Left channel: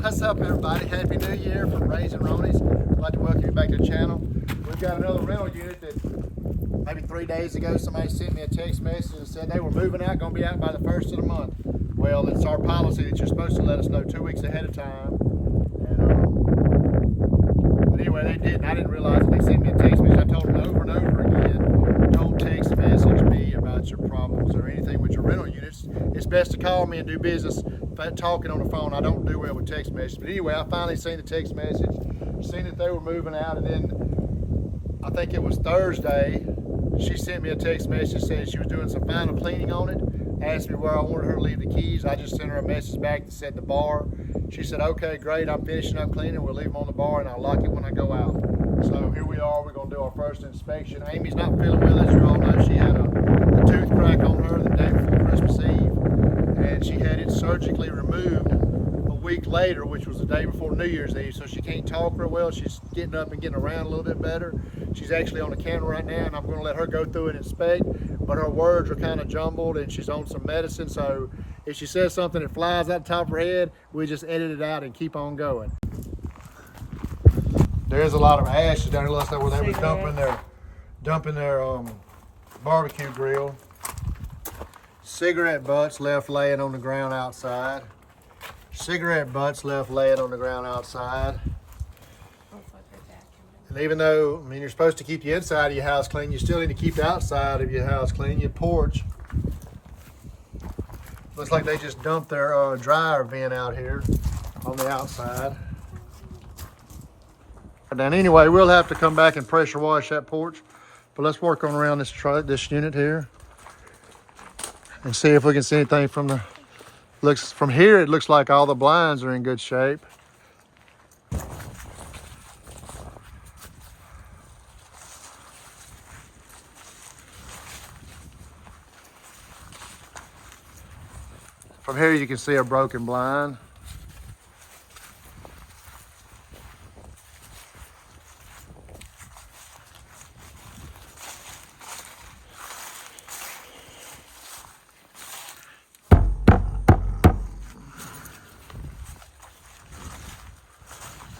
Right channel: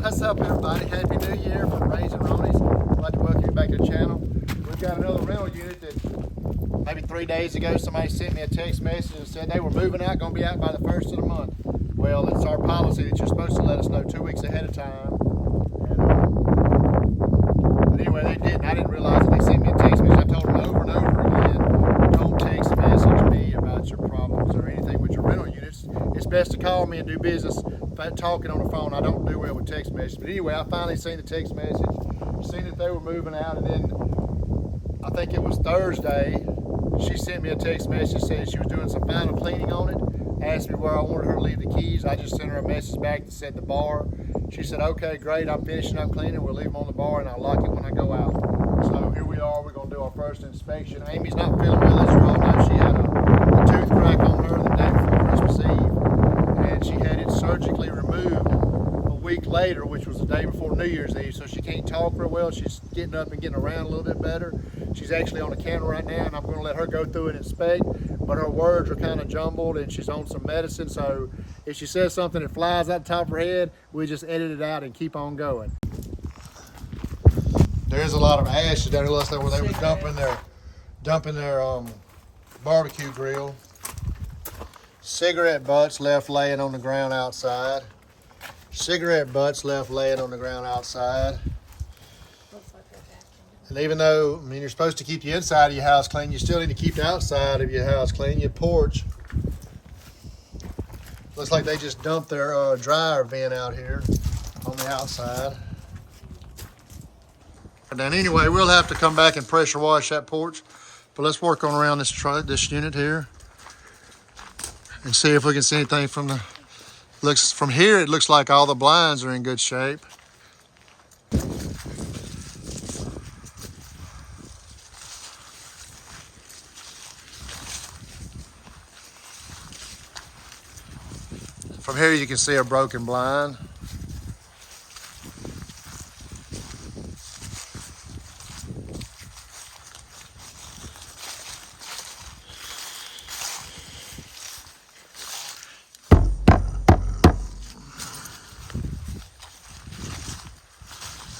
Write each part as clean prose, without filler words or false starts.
What's up, everybody? Happy New Year from Raising Roneys. I'd like to welcome you back to the channel. We've got another rental unit that maybe 3 days ago somebody sent me a text message and said they were moving out, going to be out by the 1st of the month. Well, it's our policy that you're supposed to let us know 2 weeks ahead of time. But anyway, they didn't. I didn't realize that they sent me a text message. I told them over and over again, don't text message me about your problems or anything with your rental units. It's best to call me and do business. Talking on the phone, I don't do well with text messages. But anyway, I finally seen the text message, seen that they were moving out, and then I think it was Thursday, she sent me a text message saying she was doing some final cleaning on it, asked me where I wanted her to leave the keys. I just sent her a message back that said the bar. She said, okay, great, I'm finishing up cleaning, we'll leave them on the bar and I'll lock it when I go out. So here we are, we're gonna do our first inspection. Amy's not feeling well, as you all know. She had a tooth crack on her the day before Christmas Eve, and she had it surgically removed a week later, which was the day before New Year's Eve. So she can't talk real well. She's getting up and getting around a little bit better. She's actually on the camera right now, and I'm going to let her go through and inspect, but her words are kind of jumbled and she's on some medicine. So if she says something that flies out the top of her head, we just edit it out and keep on going. There's a lot of ashes down here. Looks like where they were dumping their barbecue grill. Cigarette butts left laying on the ground outside. Cigarette butts left laying on the ground outside. And even though, I mean, you're supposed to keep the inside of your house clean, you still need to keep the outside of your house clean, your porch. Looks like they just dumped their dryer vent out here on the outside. And then anyway, we'll have to come back and pressure wash that porch. But let's work on around this unit here and see if we can see anything from the from here. It looks like all the blinds are in good shape. From here you can see a broken blind.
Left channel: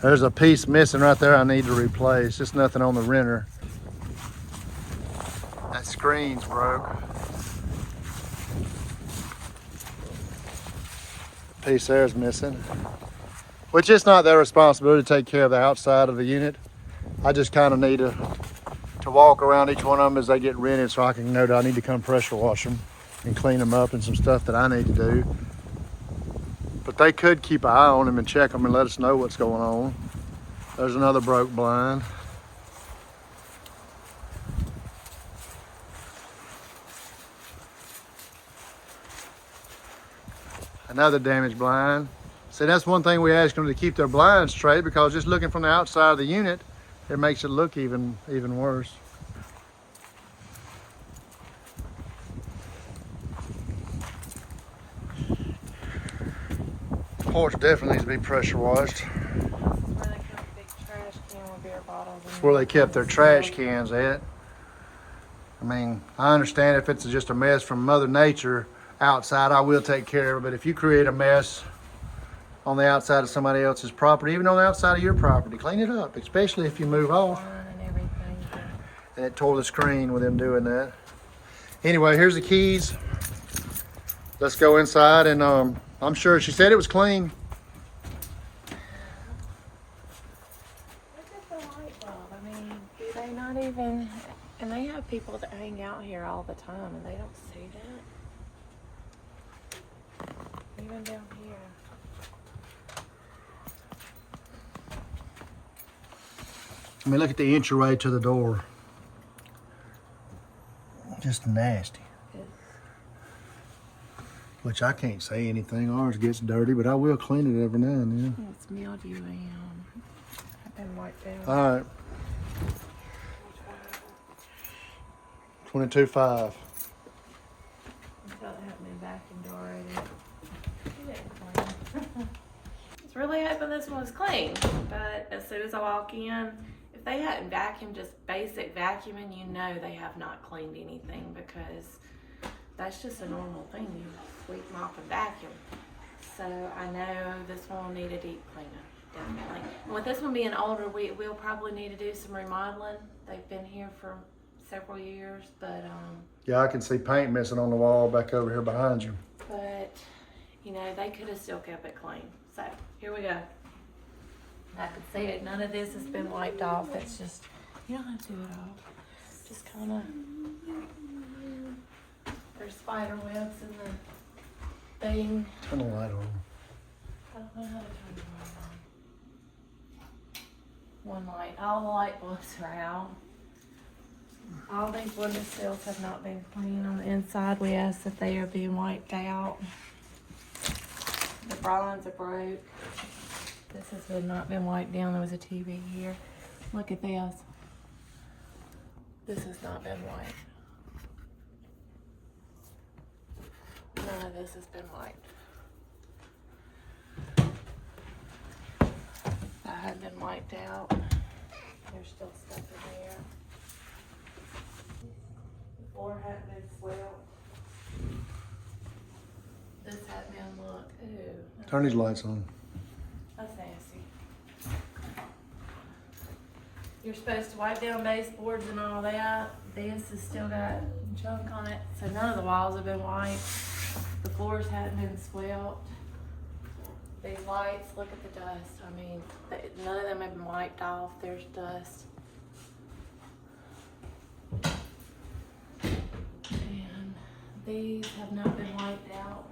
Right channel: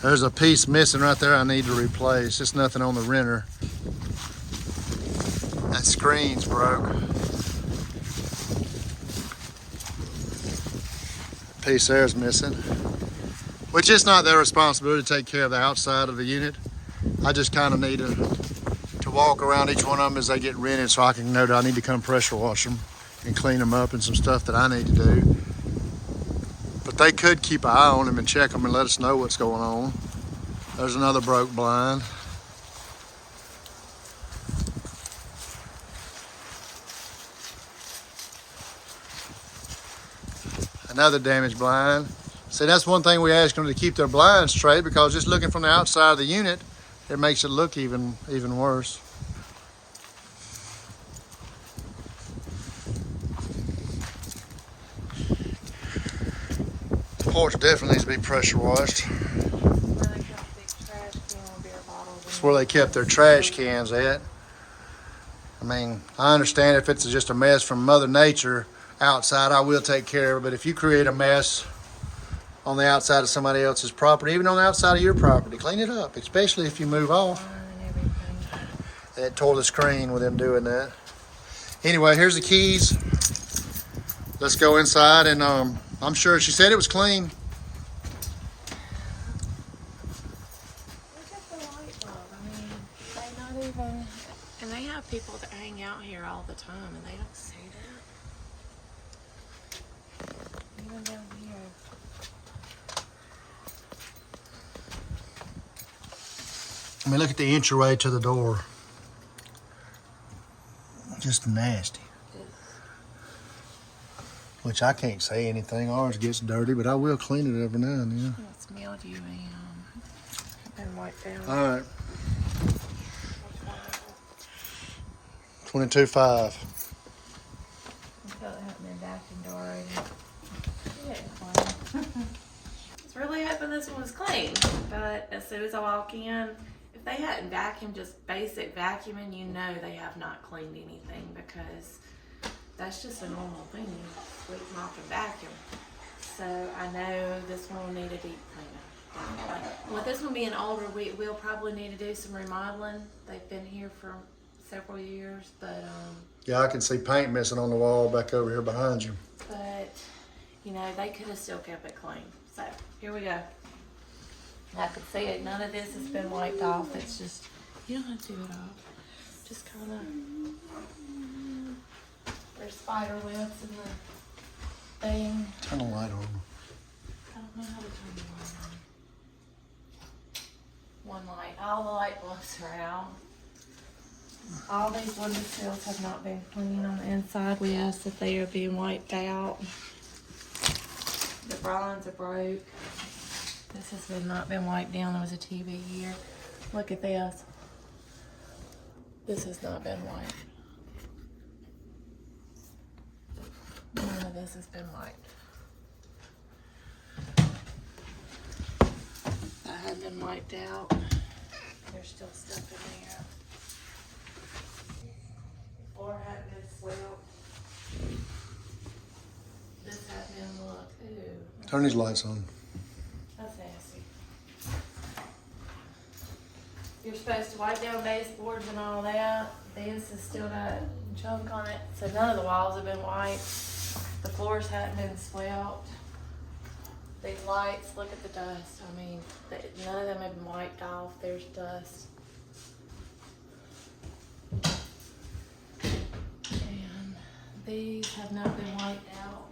There's a piece missing right there I need to replace. Just nothing on the renter. That screen's broke. That piece there is missing. Which is not their responsibility to take care of the outside of the unit. I just kind of need to walk around each one of them as they get rented so I can know that I need to come pressure wash them and clean them up and some stuff that I need to do. But they could keep an eye on them and check them and let us know what's going on. There's another broke blind. Another damaged blind. See, that's one thing we ask them to keep their blinds straight, because just looking from the outside of the unit, it makes it look even worse. The porch definitely needs to be pressure washed. That's where they kept their trash cans at. I mean, I understand if it's just a mess from Mother Nature outside, I will take care of it. But if you create a mess on the outside of somebody else's property, even on the outside of your property, clean it up, especially if you move off. And it tore the screen with them doing that. Anyway, here's the keys. Let's go inside, and I'm sure she said it was clean. Look at the light bulb. I mean, do they not even, and they have people that hang out here all the time and they don't see that. Even down here. I mean, look at the entryway to the door. Just nasty. Which I can't say anything. Ours gets dirty, but I will clean it every now and then. It's mildew and white down. All right. 22.5. I thought that hadn't been vacuumed already. I was really hoping this one was clean, but as soon as I walk in, if they hadn't vacuumed, just basic vacuuming, you know they have not cleaned anything, because that's just a normal thing. You sweep, mop, and vacuum. So I know this one will need a deep cleanup, definitely. And with this one being older, we'll probably need to do some remodeling. They've been here for several years, but Yeah, I can see paint missing on the wall back over here behind you. but you know, they could have still kept it clean. So here we go. I can see it. None of this has been wiped off. It's just, you don't have to do it all. Just kind of, there's spider webs in the thing. Turn the light on. I don't know how to turn the light on. One light. All the light bulbs are out. All these window sills have not been cleaned on the inside. We asked if they are being wiped out. The blinds are broke. This has not been wiped down. There was a TV here. Look at this. This has not been wiped. None of this has been wiped. That hasn't been wiped out. There's still stuff in here. The floor hasn't been swept. This hasn't been looked. Ooh. Turn these lights on. That's nasty. You're supposed to wipe down baseboards and all that. This has still got junk on it. So none of the walls have been wiped. The floors haven't been swept. These lights, look at the dust. I mean, none of them have been wiped off. There's dust. And these have not been wiped out.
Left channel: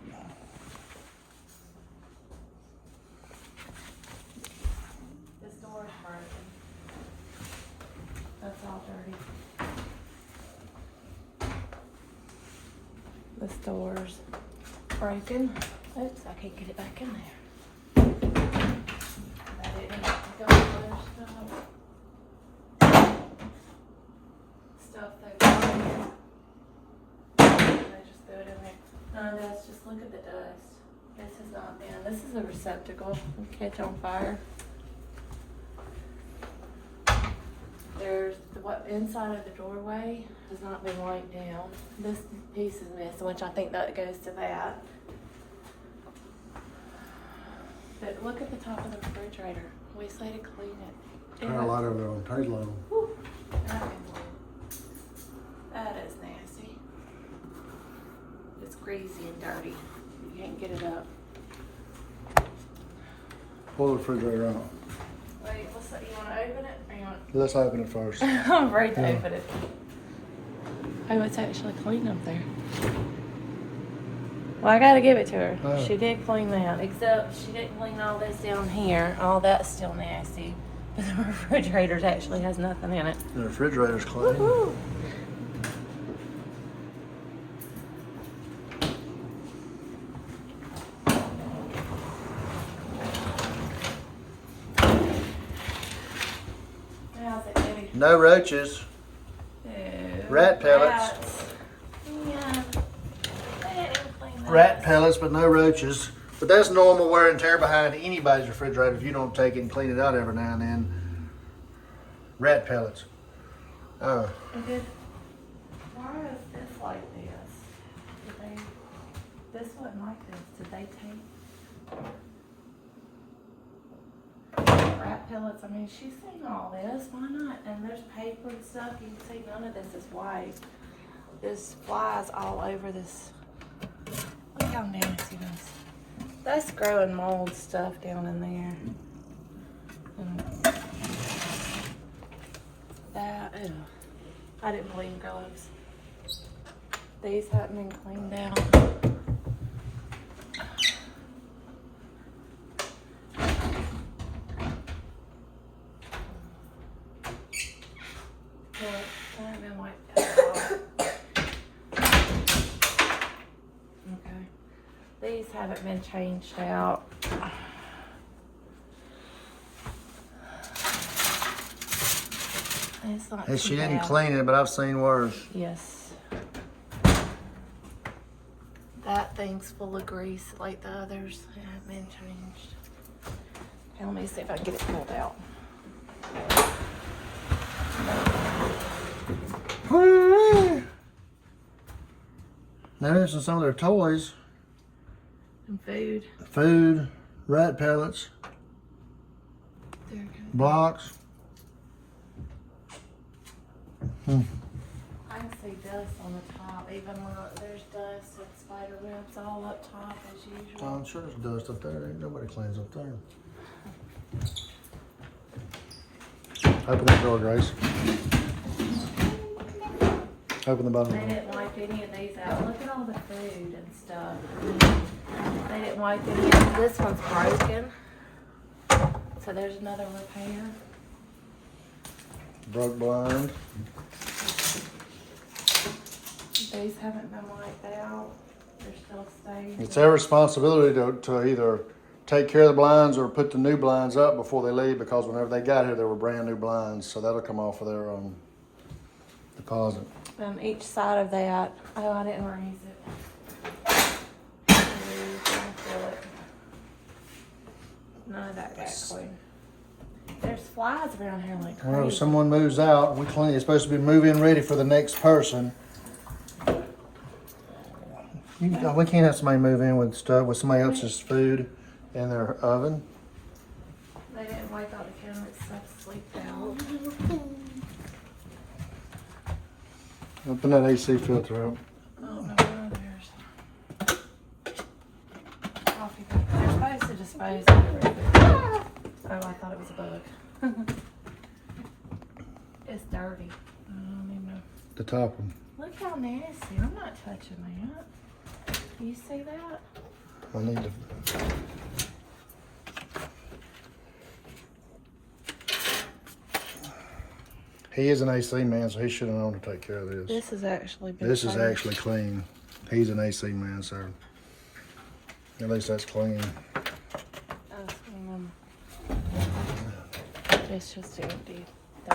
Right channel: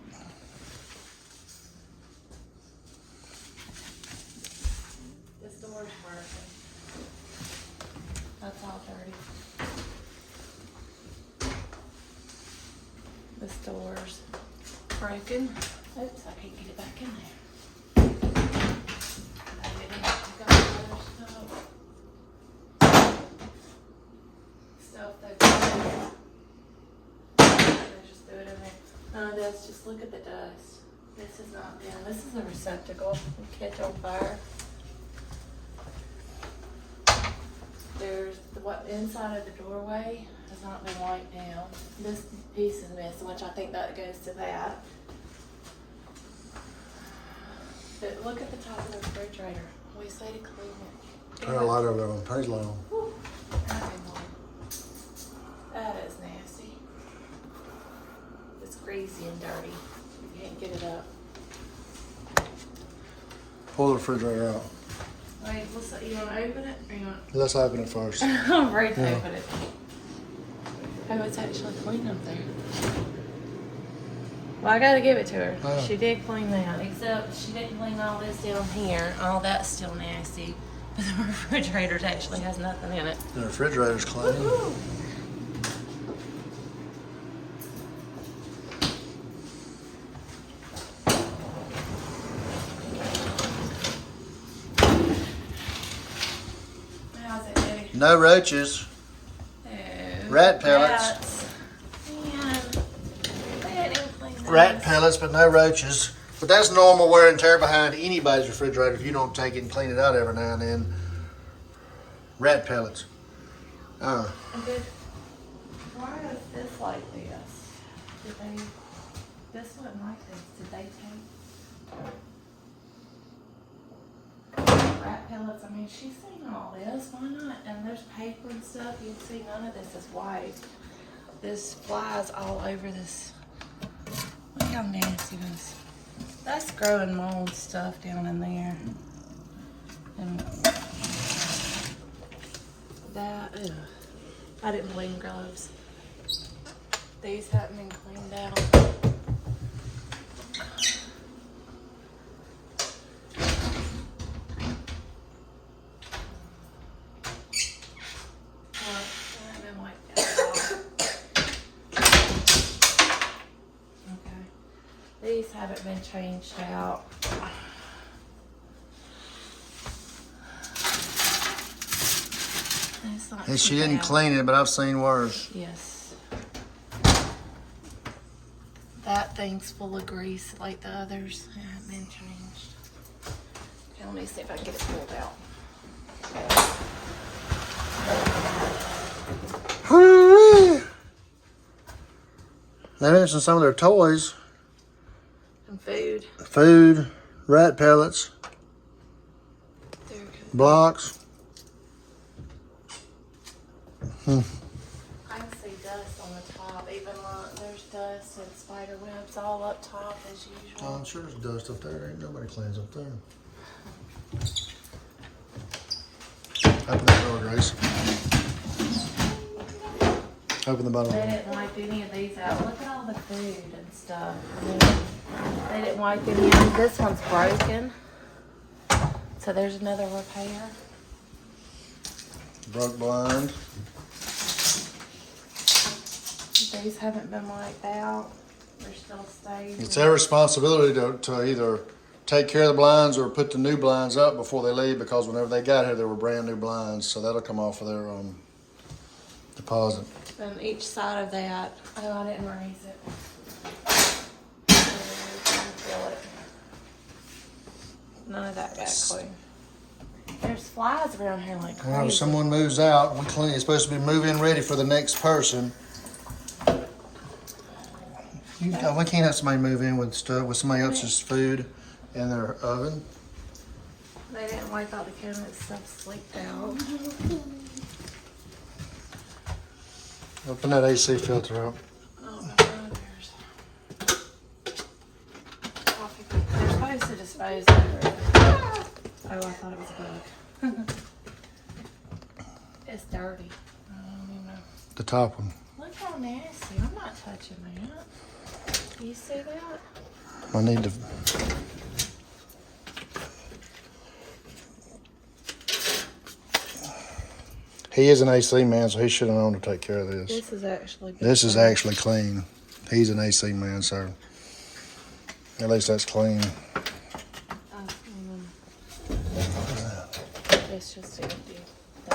This door's broken. That's all dirty. This door's broken. Oops, I can't get it back in there. That didn't go over stuff they just threw it in there. None of this, just look at the dust. This has not been, this is a receptacle. It'll catch on fire. There's what inside of the doorway has not been wiped down. This piece is missing, which I think that goes to that. But look at the top of the refrigerator. We say to clean it. Turn the light over on. Turn his light on. Whew. That is nasty. It's greasy and dirty. You can't get it up. Pull the refrigerator out. Wait, what's that? You want to open it? Or you want? Let's open it first. I'm afraid to Yeah. open it. Oh, it's actually clean up there. Well, I gotta give it to her. Oh. She did clean that, except she didn't clean all this down here. All that's still nasty. But the refrigerator actually has nothing in it. The refrigerator's clean. Woo-hoo. How's it, baby? No roaches. Oh, Rat pellets. rats. Man, they didn't clean those. Rat pellets, but no roaches. But that's normal wear and tear behind anybody's refrigerator if you don't take it and clean it out every now and then. Rat pellets. Why is this like this? Did they? This wasn't like this. Did they take rat pellets? I mean, she's seen all this. Why not? And there's paper and stuff. You can see none of this is white. This flies all over this. Look how nasty this is. That's growing mold stuff down in there. And that, ugh. I didn't clean gloves. These haven't been cleaned out. They haven't been wiped out at all. Okay. These haven't been changed out. It's not And she too didn't bad. clean it, but I've seen worse. Yes. That thing's full of grease like the others. It hasn't been changed. Okay, let me see if I can get it pulled out. They mentioned some of their toys. And food. Food, rat pellets, There it goes. blocks. I can see dust on the top, even like there's dust and spider webs all up top as usual. I'm sure there's dust up there. Ain't nobody cleans up there. Open that door, Grace. Open the bottom They door. didn't wipe any of these out. Look at all the food and stuff. They didn't wipe any out. This one's broken. So there's another repair. Broke blind. These haven't been wiped out. They're still staying. It's their responsibility to either take care of the blinds or put the new blinds up before they leave, because whenever they got here, they were brand new blinds. So that'll come off of their deposit. On each side of that. Oh, I didn't raise it. None of that got clean. There's flies around here like crazy. Whenever someone moves out, we clean. It's supposed to be move-in ready for the next person. We can't have somebody move in with stuff with somebody else's food in their oven. They didn't wipe out the cabinets, stuff sleeped out. Open that AC filter up. Oh my God, there's coffee. They're supposed to dispose of it. Oh, I thought it was a bug. It's dirty. I don't even know. The top one. Look how nasty. I'm not touching that. You see that? I need to. He is an AC man, so he should have known to take care of this. This is actually good. This is actually clean. He's an AC man, so at least that's clean. It's just empty.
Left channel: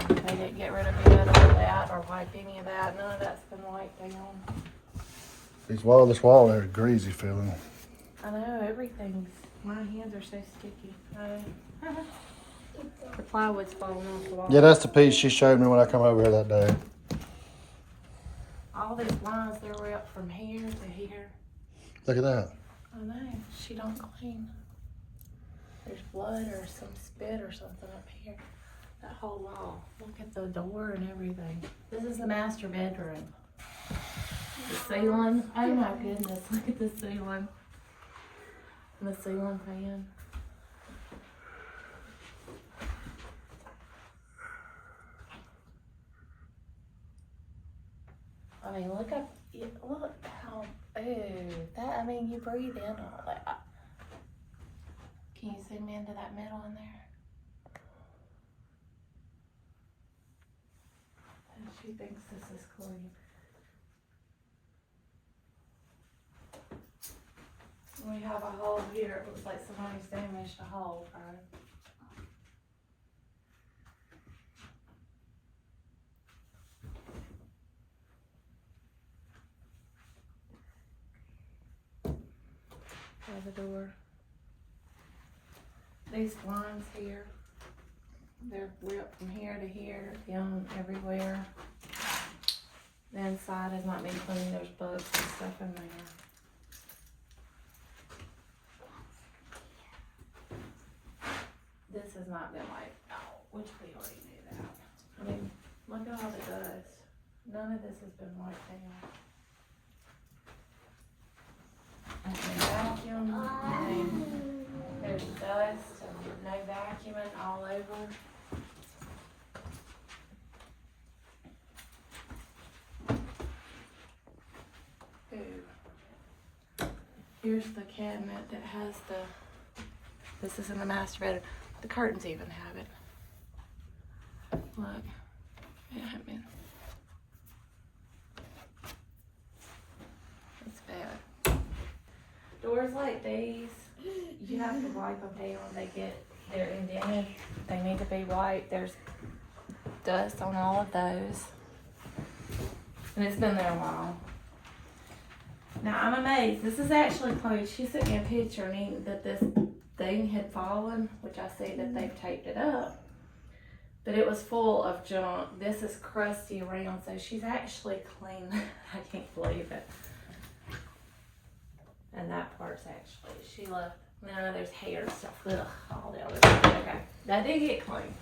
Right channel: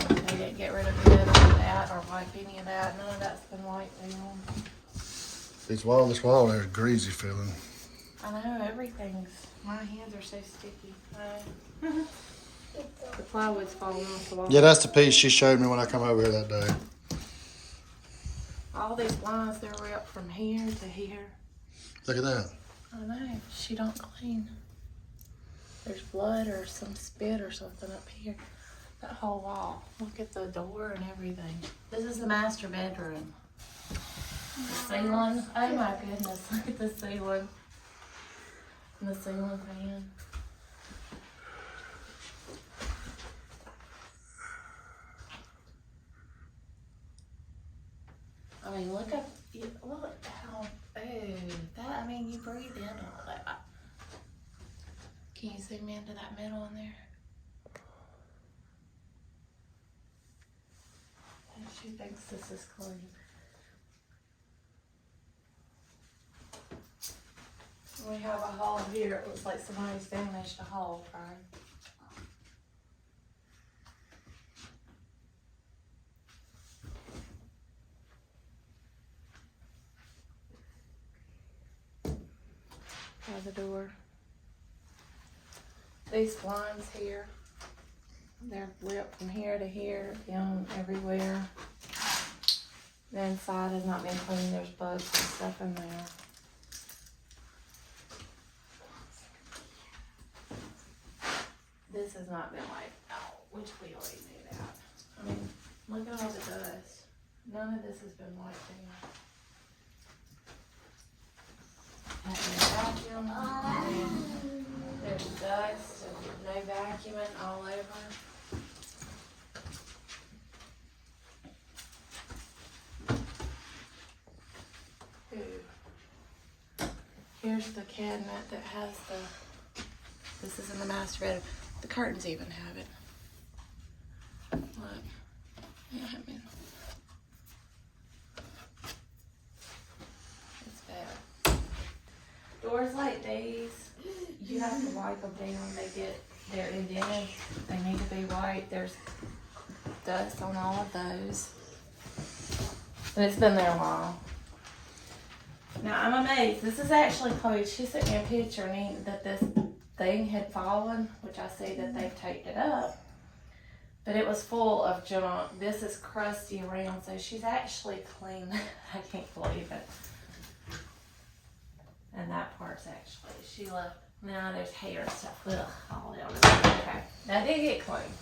They didn't get rid of none of that or wipe any of that. None of that's been wiped down. This wall there's greasy feeling. I know, everything's, my hands are so sticky. The plywood's falling off the wall. Yeah, that's the piece she showed me when I come over here that day. All these lines, they're wrapped from here to here. Look at that. I know, she don't clean. There's blood or some spit or something up here. That whole wall. Look at the door and everything. This is the master bedroom. The ceiling. Oh my goodness, look at the ceiling. And the ceiling fan. I mean, look how, I mean, you breathe in on it. Can you zoom into that middle in there? And she thinks this is clean. We have a hole here. It looks like somebody's damaged a hole, right? There's a door. These blinds here, they're ripped from here to here, down everywhere. The inside has not been cleaned. There's bugs and stuff in there. This has not been wiped out, which we already knew that. I mean, look at all the dust. None of this has been wiped down. And the vacuum, there's dust, and no vacuuming all over. Ooh. Here's the cabinet that has this is in the master bedroom. The curtains even have it. Look. Yeah, I mean, it's bad. Doors like these, you have to wipe them down. They're indented. They need to be wiped. There's dust on all of those. And it's been there a while. Now I'm amazed. This is actually Chloe. She sent me a picture that this thing had fallen, which I see that they've taped it up. But it was full of junk. This is crusty around, so she's actually cleaned. I can't believe it. And that part's actually, she left No, there's hair and stuff. Ugh, all the other. Okay, that did get clean.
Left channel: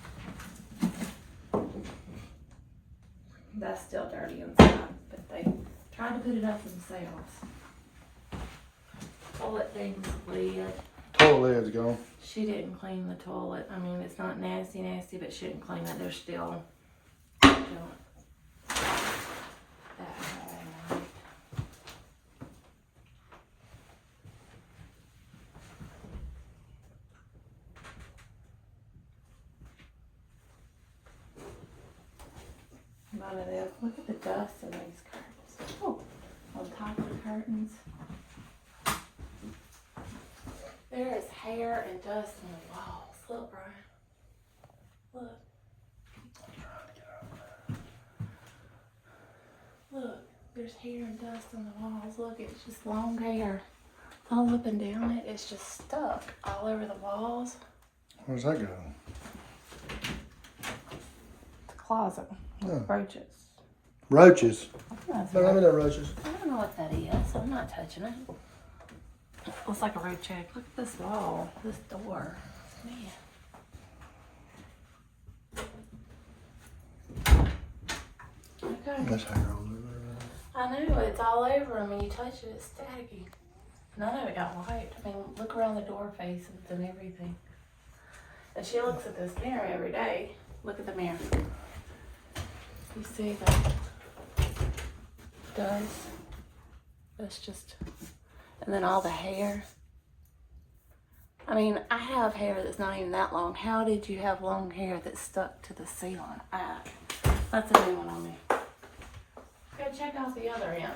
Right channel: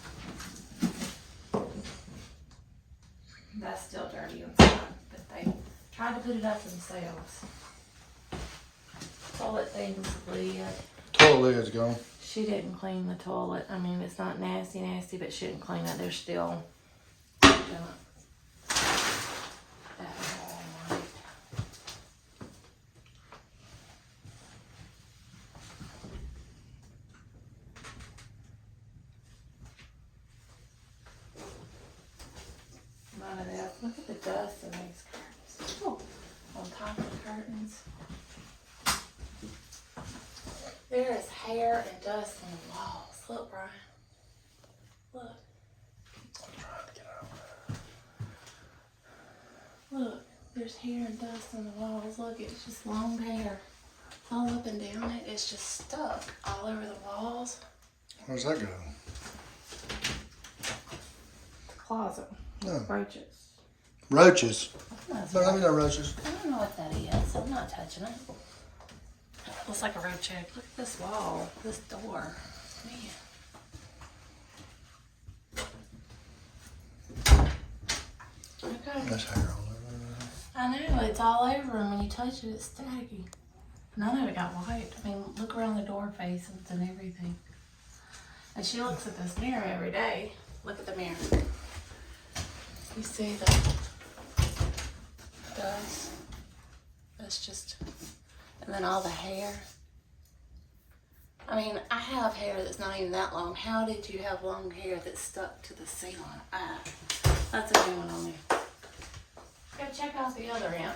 That's still dirty inside, but they tried to put it up themselves. Toilet thing's lid. Toilet lid's gone. She didn't clean the toilet. I mean, it's not nasty, but she didn't clean it. There's still junk. None of this. Look at the dust in these curtains. Oh, on top of the curtains. There is hair and dust on the walls. Look, Brian. Look. Look, there's hair and dust on the walls. Look, it's just long hair. All up and down it. It's just stuck all over the walls. Where's that go? Closet. No. Roaches. Roaches. No, Let me know roaches. I don't know what that is, so I'm not touching it. Looks like a roach egg. Look at this wall, this door. Man. Okay. There's hair all over. I know, it's all over, and when you touch it, it's staggy. None of it got wiped. I mean, look around the door faces and everything. And she looks at this mirror every day. Look at the mirror. You see the dust? That's just, and then all the hair. I mean, I have hair that's not even that long. How did you have long hair that's stuck to the ceiling? That's a new one on me. Go check out the other end.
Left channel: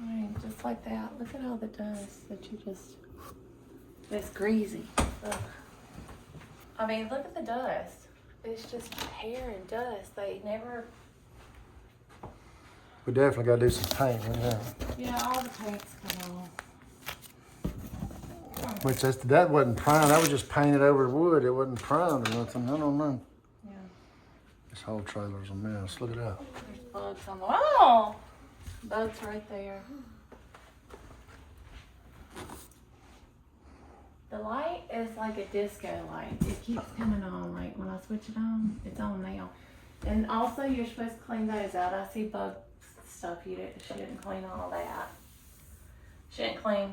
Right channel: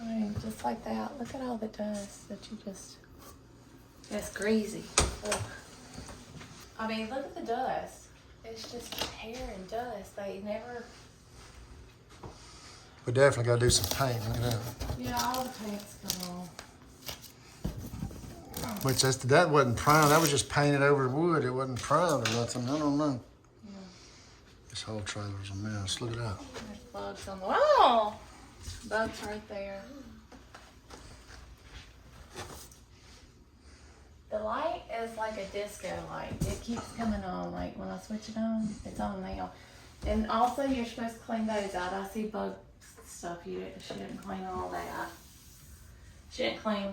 I mean, just like that. Look at all the dust that you just, it's greasy. Ugh. I mean, look at the dust. It's just hair and dust. They never. We definitely got to do some paint. Look at that. Yeah, all the paint's come off. Which that wasn't primed. That was just painted over wood. It wasn't primed or nothing. I don't know. Yeah. This whole trailer's a mess. Look at that. There's bugs on the wall. Bugs right there. The light is like a disco light. It keeps coming on. Like when I switch it on, it's on now. And also, you're supposed to clean those out. I see bug stuff. She didn't clean all that. She didn't clean.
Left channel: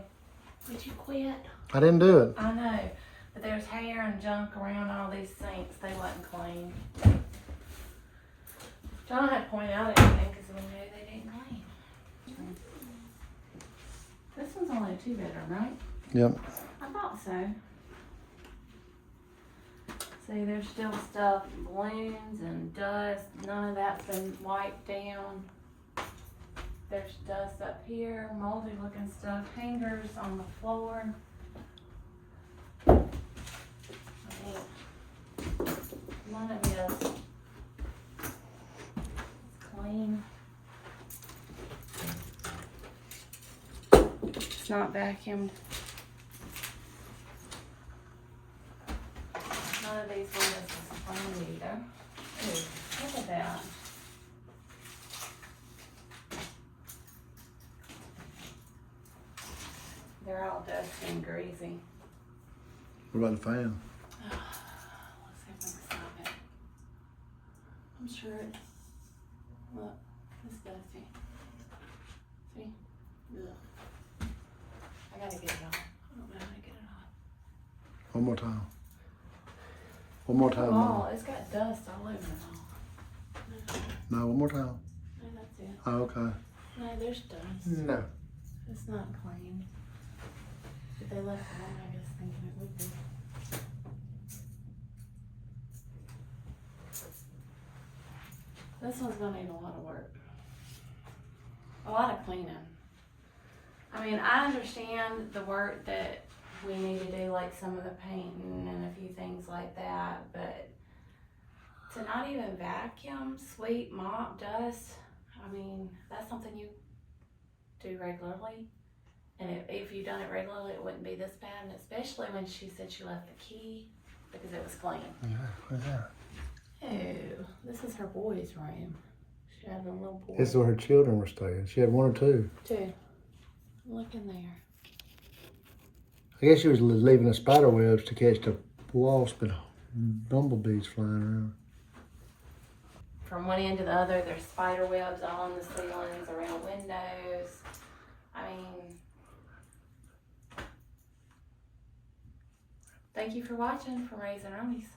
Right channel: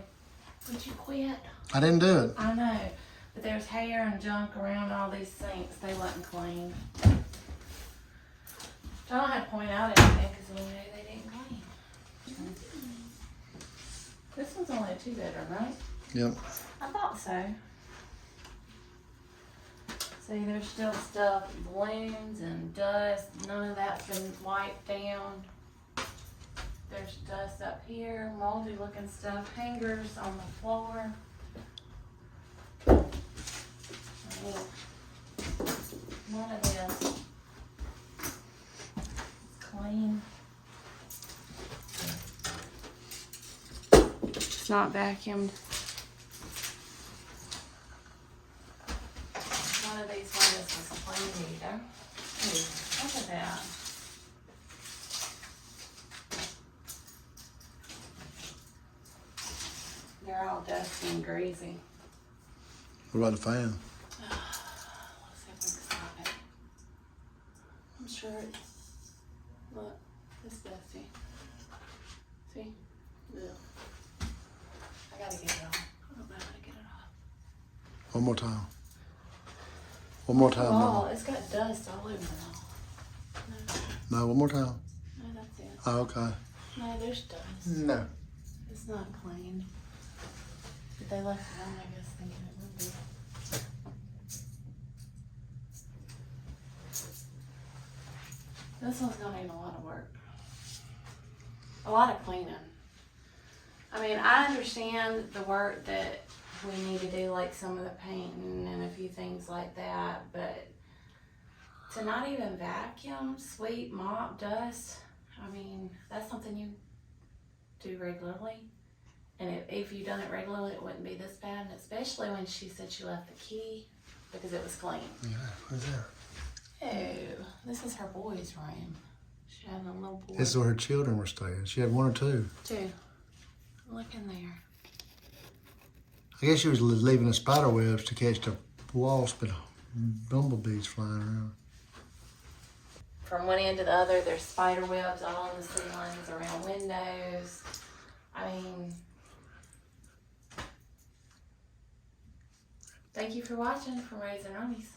Did you quit? I didn't do it. I know. But there's hair and junk around all these sinks. They wasn't clean. I don't have to point out anything because we knew they didn't clean. This one's only a 2-bedroom, right? Yep. I thought so. See, there's still stuff, balloons and dust. None of that's been wiped down. There's dust up here, moldy looking stuff, hangers on the floor. I mean, none of this is clean. It's not vacuumed. None of these windows is clean either. Ooh, look at that. They're all dusty and greasy. What about the fan? Let's see if I can stop it. I'm sure it's, look, it's dusty. See? Ugh. I gotta get it off. I don't know how to get it off. One more time. One more time, Oh, Mama. it's got dust all over the wall. No, one more time. No, that's it. Oh, okay. No, there's dust. No. It's not clean. But they left it on, I guess, thinking it would be. This one's gonna need a lot of work. A lot of cleaning. I mean, I understand the work that we need to do, like some of the painting and a few things like that, but to not even vacuum, sweep, mop, dust, I mean, that's something you do regularly. And if you'd done it regularly, it wouldn't be this bad, and especially when she said she left the key because it was clean. Yeah, what's that? Oh, this is her boys' room. And a little boy. This is where her children were staying. She had one or two. Two. Look in there. I guess she was leaving the spider webs to catch the wasp and bumblebees flying around. From one end to the other, there's spider webs all on the ceilings, around windows. I mean, thank you for watching from Roneys and Roneys.